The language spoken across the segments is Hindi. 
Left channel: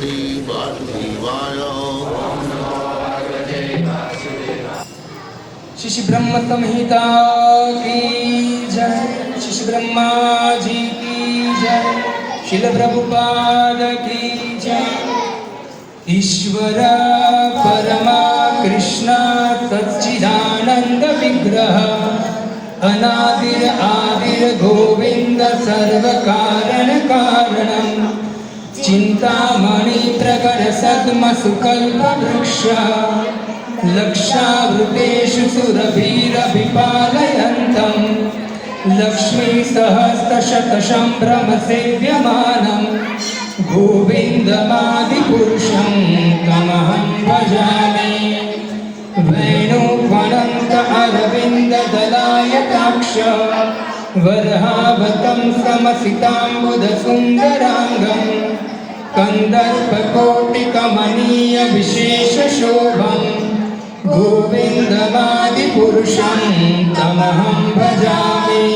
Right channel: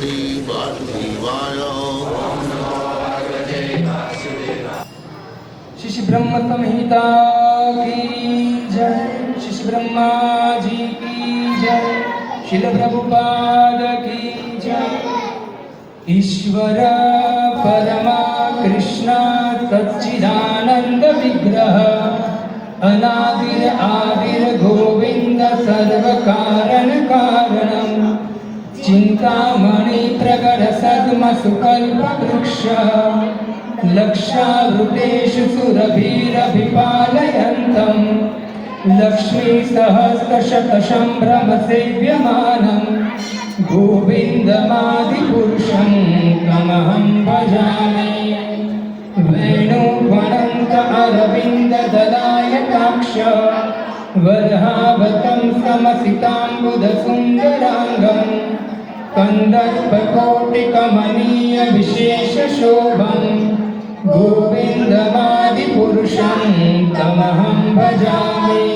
पार्वती वासुदेवाय। शिशु ब्रह्म संहिता की जय। शिशु ब्रह्मा जी की जय। शिल प्रभुपाद की जय। ईश्वर परमा कृष्ण सच्चिदानंद विग्रह अनादिर आदिर गोविंद सर्व कारण कारणम चिंतामणि प्रगट सद्म सुकल्प वृक्ष लक्षावृतेषु सुरभिरभिपालयन्तम् लक्ष्मी सहस्रशतशम्भ्रमसेव्यमानं गोविन्दमादिपुरुषं तमहं भजामि। वेणुवनन्त अरविन्ददलायताक्ष वरहावतं समसिताम्बुदसुन्दराङ्गं कन्दर्पकोटिकमनीयविशेषशोभं गोविन्दमादिपुरुषं तमहं भजामि।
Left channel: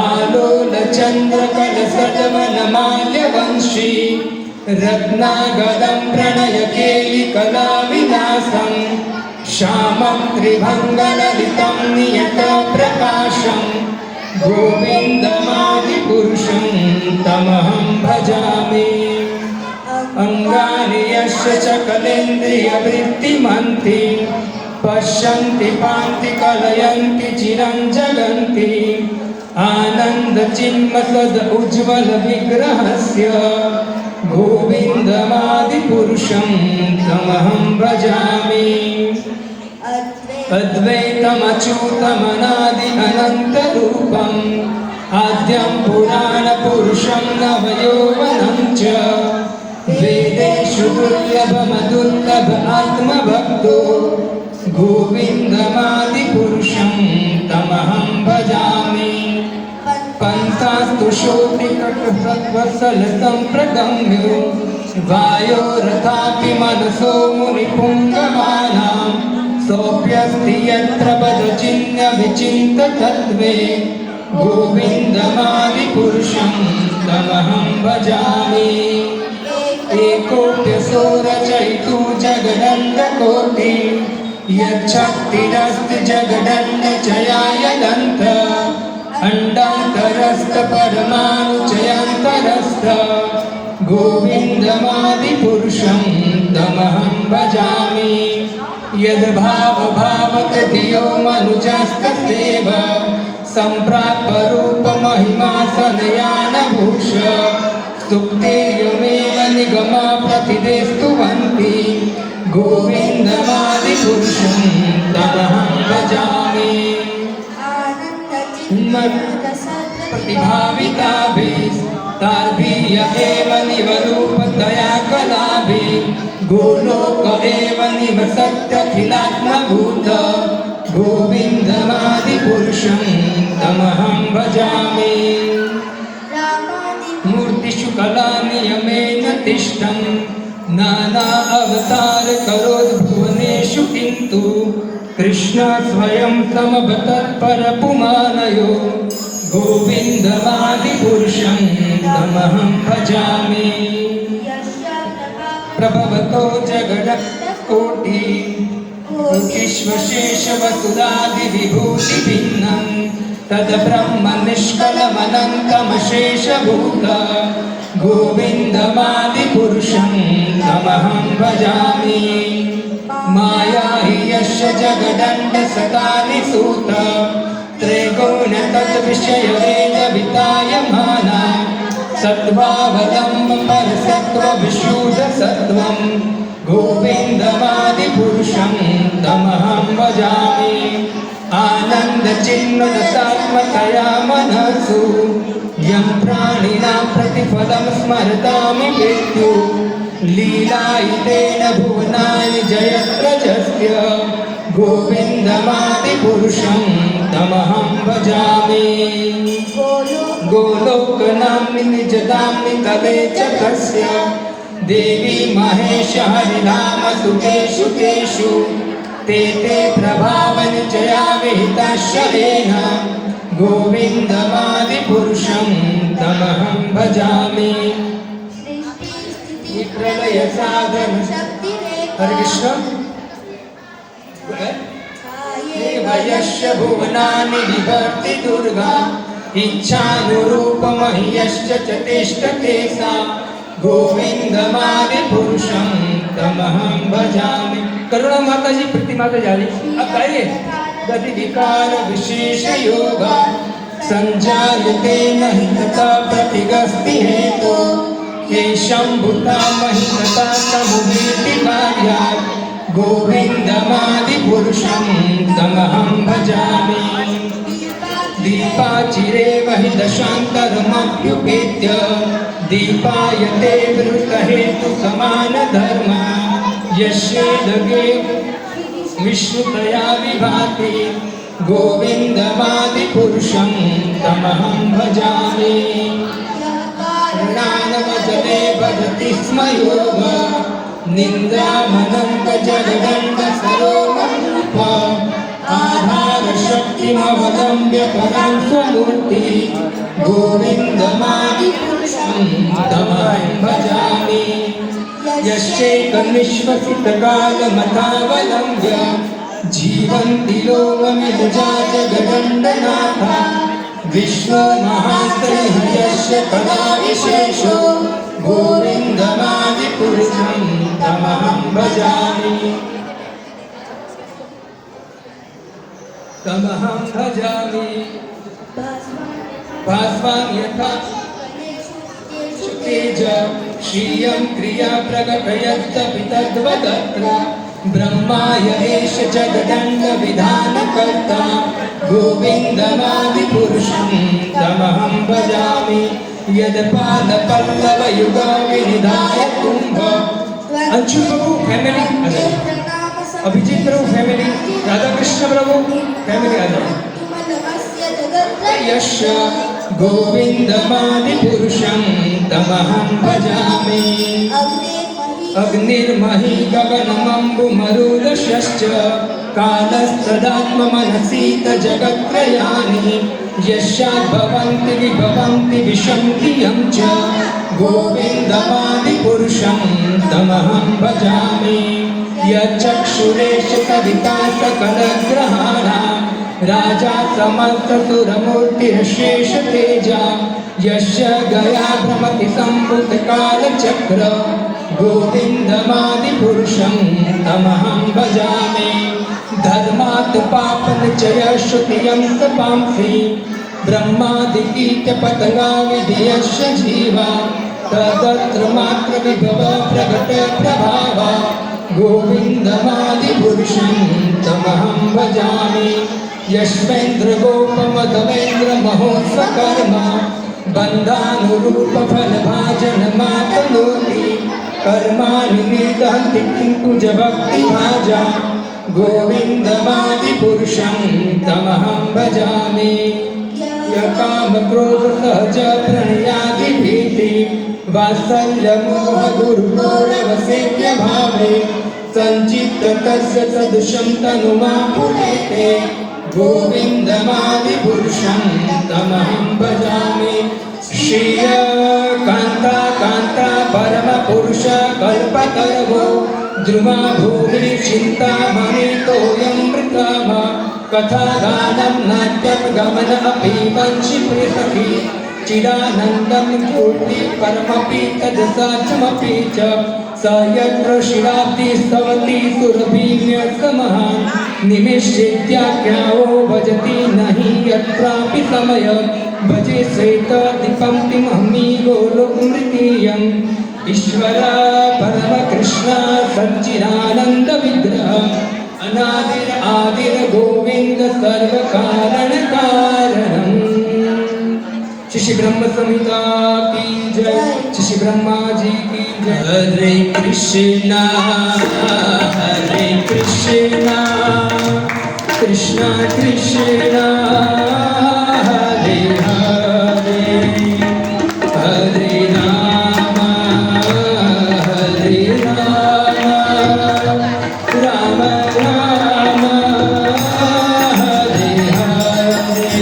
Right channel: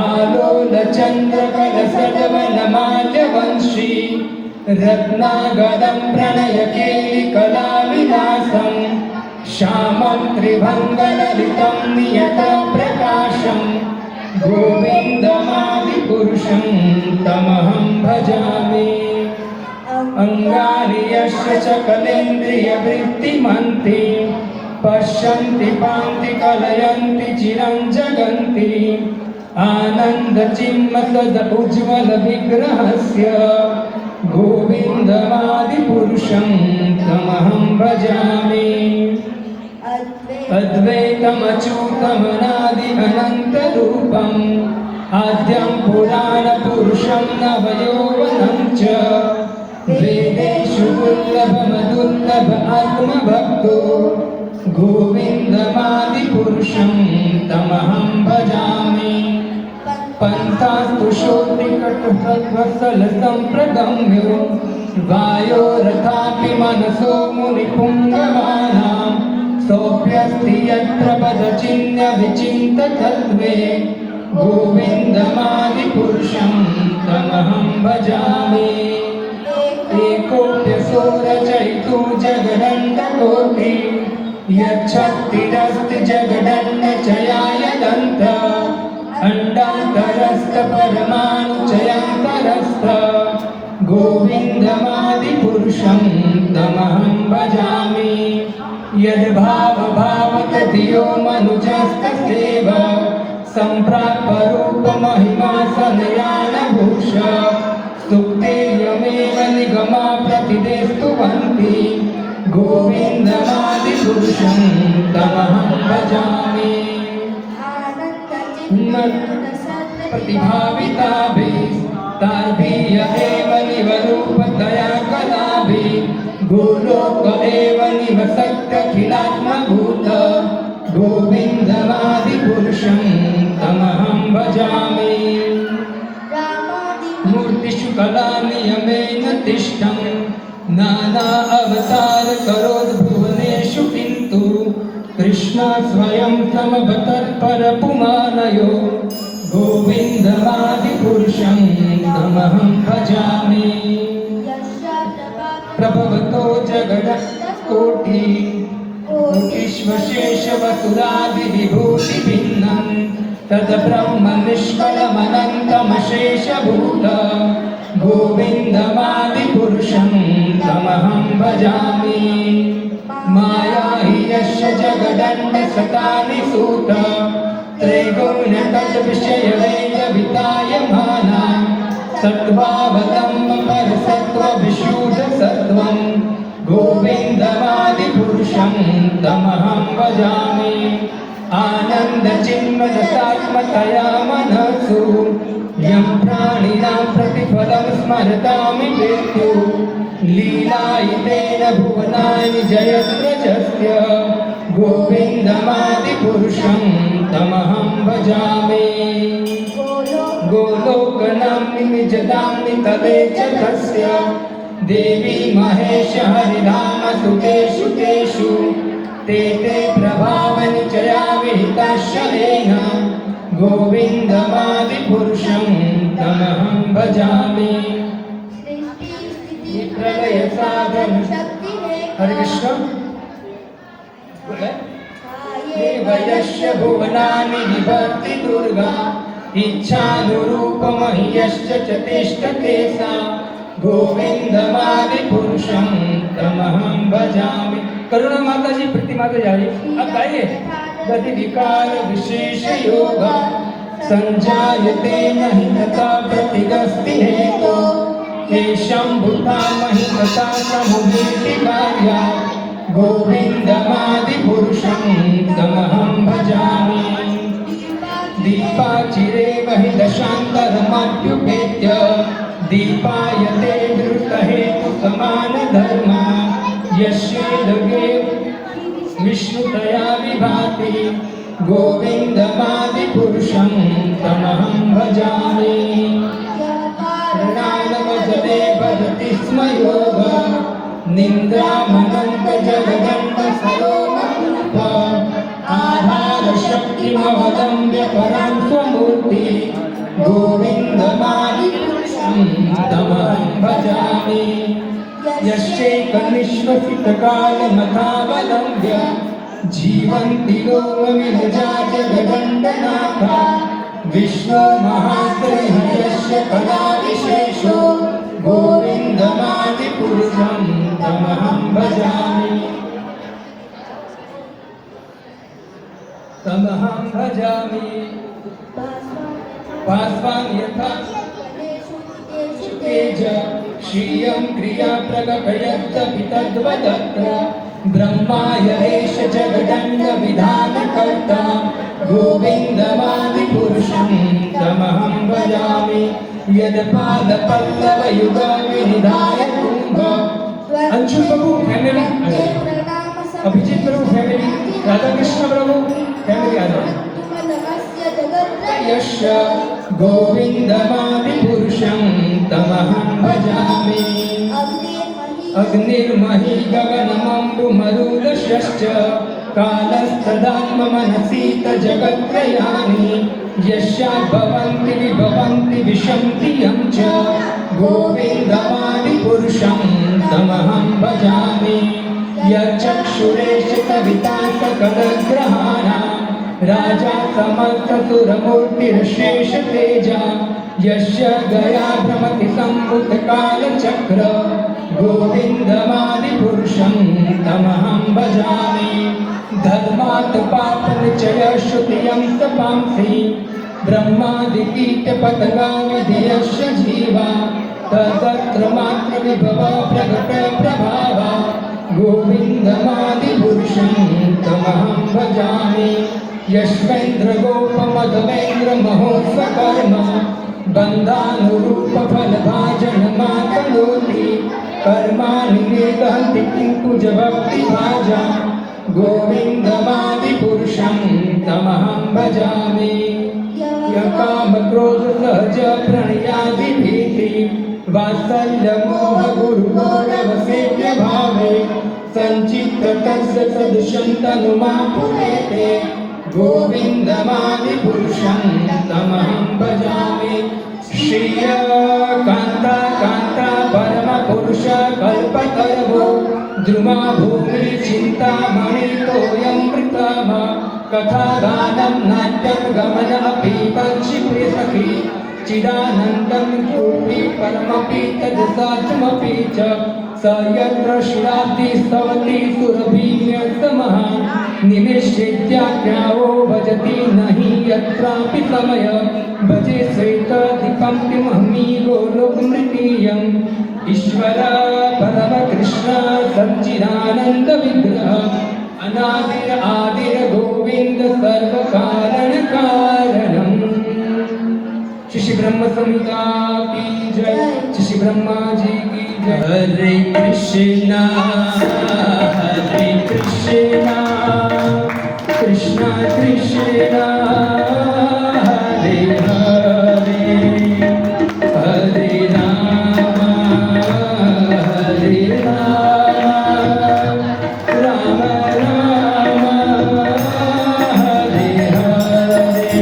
आलोलचन्द्रकलसटमलमाल्यवंशी रत्नागरं प्रणयकेलिकलाविलासं श्यामं त्रिभङ्गललितं नियतप्रकाशं गोविन्दमादिपुरुषं तमहं भजामि। अंगानि यस्य सकलेन्द्रियवृत्तिमन्ति पश्यन्ति पान्ति कलयन्ति चिरं जगन्ति आनन्दचिन्मसद उज्ज्वलविग्रहस्य गोविन्दमादिपुरुषं तमहं भजामि। अद्वैतमच्युतमनादि अनन्तरूपम् आद्यं पुराणपुरुषं नवयौवनं च वेदेषु दुर्लभमदुर्लभ आत्मभक्तो गोविन्दमादिपुरुषं तमहं भजामि। पन्थास्तु शोभिकटुभवत्सलसम्प्रगम्यो वायोरथापि मनसो मुनिपुङ्गमानां सोऽप्यस्ति यत्र पदचिह्नविचिन्ततत्त्वे गोविन्दमादिपुरुषं तमहं भजामि। एकोऽप्यसोरचयितु जगदण्डकोटि यच्छक्तिरस्ति जगदण्डचयायदन्त अण्डान्तरस्थ परमाणुचयान्तरस्थ गोविन्दमादिपुरुषं तमहं भजामि। यद्भावभावतधियो मनुजस्तथैव सम्प्राप्य रूपमहिमा सनयानभूष स्तुत्यमेव निगमा प्रतिदेस्तुवन्ति गोविन्दमादिपुरुषं तमहं भजामि। प्रतिभाविताभिस्तार्भिः एव निवरूपतया कलाभिः गोलोक एव निवसत्यखिलात्मभूत गोविन्दमादिपुरुषं तमहं भजामि। मूर्तिषु कलानियमेन तिष्ठं नाना अवतार करोद्भुवनेषु किन्तु कृष्ण स्वयं समवतत्परपुमानयो गोविन्दमादिपुरुषं तमहं भजामि। प्रभवतो जगदकोटि विश्वशेषवसुधादिविभूतिभिन्नं तद्ब्रह्म निष्कलमनन्तमशेषभूत गोविन्दमादिपुरुषं तमहं भजामि। माया हि यस्य जगदण्डसतानि सूत त्रैगुण तद्विषयवेदवितायमाना सत्त्वावलम्ब परसत्त्वविशुद्धसत्त्वं गोविन्दमादिपुरुषं तमहं भजामि। आनन्दचिन्मदसात्मकया मनसु यं प्राणिनां प्रतिफलं स्मरतामि मृत्यु लीलायितेन भुवनानि जयत्रजस्य गोविन्दमादिपुरुषं तमहं भजामि। गोलोकनाम्नि निजदाम्नि तवे च कस्य देवी महेश हरिनाम सुतेषु तेषु ते प्रभावनिचया विहिताश्रयेण गोविन्दमादिपुरुषं तमहं भजामि। प्रलय साधन हरे कृष्ण देवयस्य भुवनानि विभक्ति दुर्गा इच्छानुरूपमह्यश्च च तिष्ठते सा गोविंदमादिपुरुषं तमहं भजामि। करुणा माता जी प्रीति माता जा रही अब गाइए गति विकार विशेष योगा संजायते नहि तथा प्रतिगस्ति हेतु येषां भूता नहि तथा समुहीति कार्या गोविंदमादिपुरुषं तमहं भजामि। दीपाचिरे महि दशान्तरमभ्युपेत्य दीपायते वृत्तहेतु समानधर्मा यस्येदगे विष्णुतया विभाति गोविन्दमादिपुरुषं तमहं भजामि। प्रणानमजले भजति स्म योग निन्द्रामनन्तजगदण्डसरोमरूप आधारशक्तिमवलम्ब्य परां स्वमूर्ति गोविन्दमादिपुरुषं तमहं भजामि। यश्चैकनिश्वसितकालमथावलम्ब्य जीवन्ति लोकमिलजा जगदण्डनाथा विश्वमहाश्रयस्य कलाविशेषो गोविन्दमादिपुरुषं तमहं भजामि। तमहं भजामि। भास्वान् यथा तेज श्रियं क्रिया प्रकटयत्तपि तद्वदत्र ब्रह्माय एष जगदण्डविधानकर्ता गोविन्दमादिपुरुषं तमहं भजामि। यदपादपल्लवयुगविनिधाय कुम्भ अंशु प्रभु फैमिली अभिजीत प्रभु फैमिली राधा कृष्ण प्रभु फैमिली आ जाओ। यश गोविन्दमादिपुरुषं तमहं भजामि। अग्निर्महि गगनमम्बुमरुदश्च कालस्तदात्ममनसीतजगत्त्रयानि यस्याद्भवन्ति विभवन्ति विशन्तियं च गोविन्दमादिपुरुषं तमहं भजामि। यच्चक्षुरेश कविता सकलग्रहाणां राजा समस्तसुरमूर्तिरशेषतेजा यस्य गया भ्रमति सम्भूतकालचक्र गोविन्दमादिपुरुषं तमहं भजामि। धर्मात् पापनिचयश्रुतियं तपांसि ब्रह्मादिकीटपतङ्गाविधेयस्य जीवा तदत्र मात्र विभव प्रगट प्रभावा गोविन्दमादिपुरुषं तमहं भजामि। यश्वेन्द्रगोपमधवेन्द्र महोत्सकर्म बन्धानुरूपफलभाजनमातनोति कर्माणि निर्दहन्ति किन्तु जभक्तिभाजा गोविन्दमादिपुरुषं तमहं भजामि। यकामक्रोधसहज प्रणयादिभीति वात्सल्यमोहगुरुगौरवसेव्यभावे सञ्चित्ततस्य सदृशं तनुमापुरेते गोविन्दमादिपुरुषं तमहं भजामि। श्रिय कान्ता कान्ता परमपुरुष कल्पतरवो द्रुमा भूमि चिन्तामणितोऽयमृतम कथागानं नाट्यं गमनमपि वंशिप्रियसखी चिदानन्दं कीर्ति परमपि तदसाचमपि च स यत्र शिराब्धि स्तवति सुरभिन्यस्तमहान् निमिषेत्याख्याओ भजति नहि यत्रापि समय भजे श्वेतदीपं किमहमि गोलोकमृतीयम् ईश्वर परमकृष्ण सच्चिदानन्दविग्रह अनादिर आदिर गोविन्द सर्वकारणकारणम्। श्री ब्रह्म संहिता की जय, श्री ब्रह्मा जी की जय। हरे कृष्णा कृष्णा कृष्णा हरे हरे हरे राम राम राम हरे हरे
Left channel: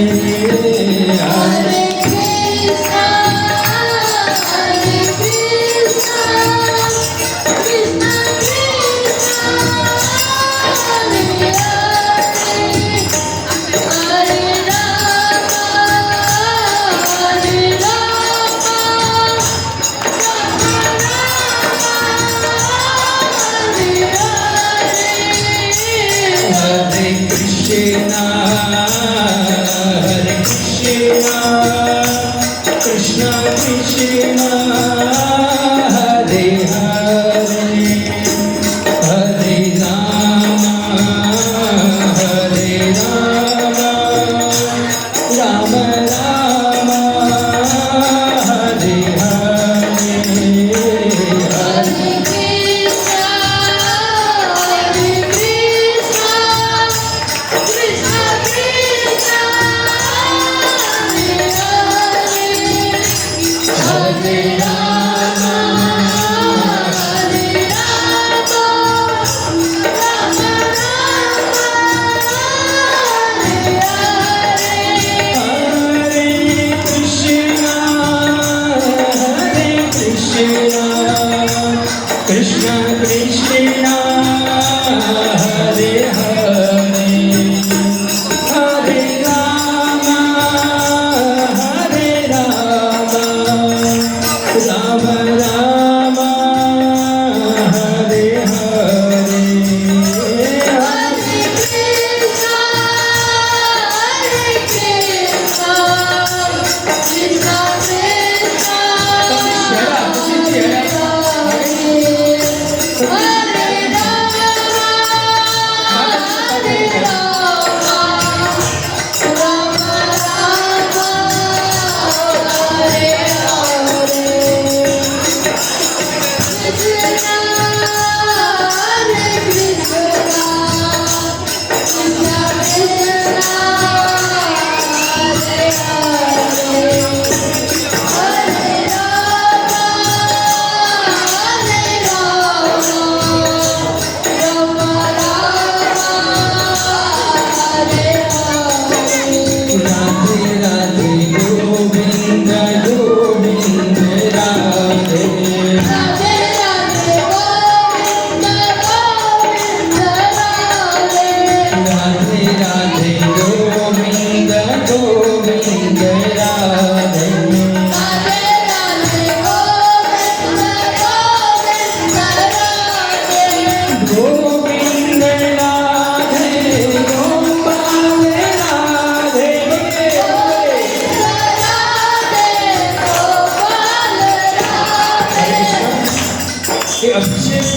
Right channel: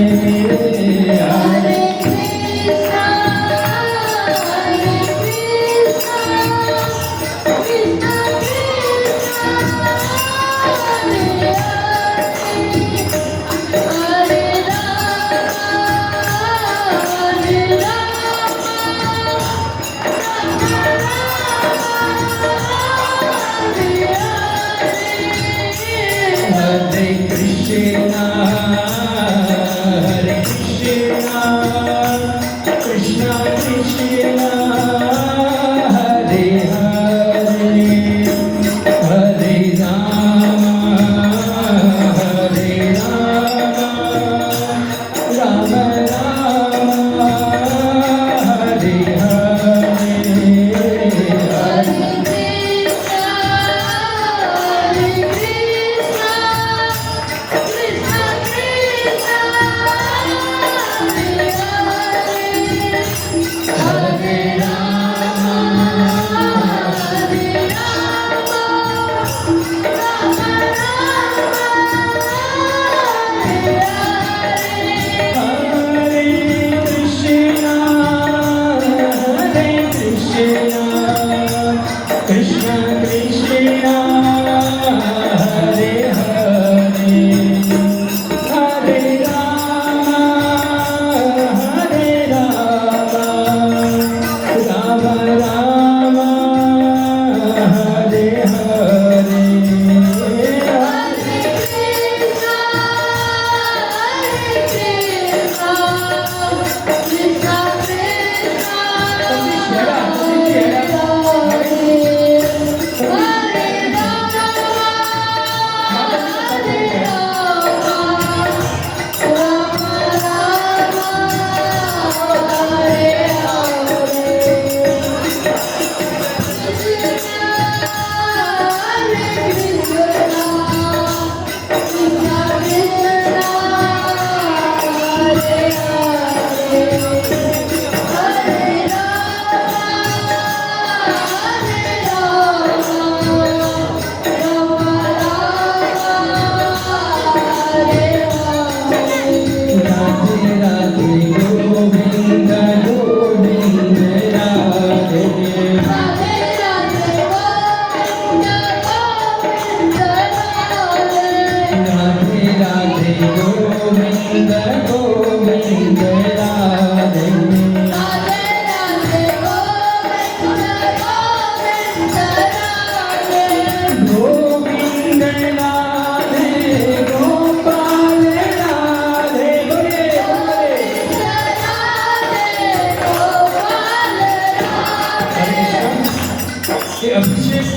ये अभिषेक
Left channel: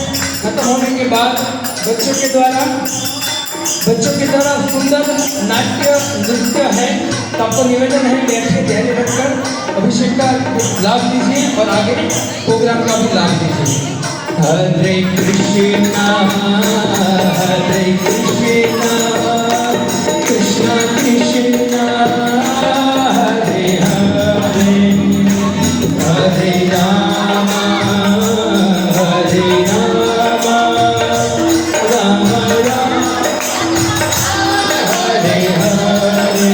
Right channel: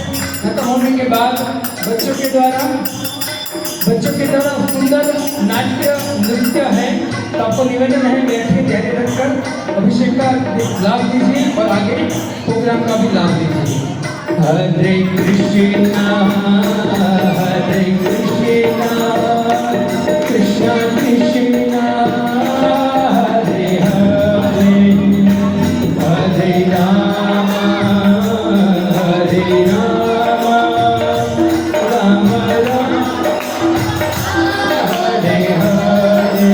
खत्म होने के बाद बच्चों के द्वारा सुंदर नाट्य नृत्य है। तो आपको निवेदन है बैठ के तैयारी रखकर अभिषेक का लाभ लीजिए और आगे प्रोग्राम का भी लाभ लीजिए। हरे कृष्णा कृष्ण कृष्णा हरे हरे हरे राम राम राम हरे हरे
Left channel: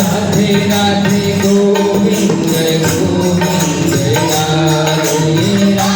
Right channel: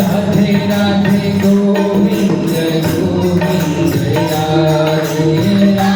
हरे राधे गोविंद गोविंद राधे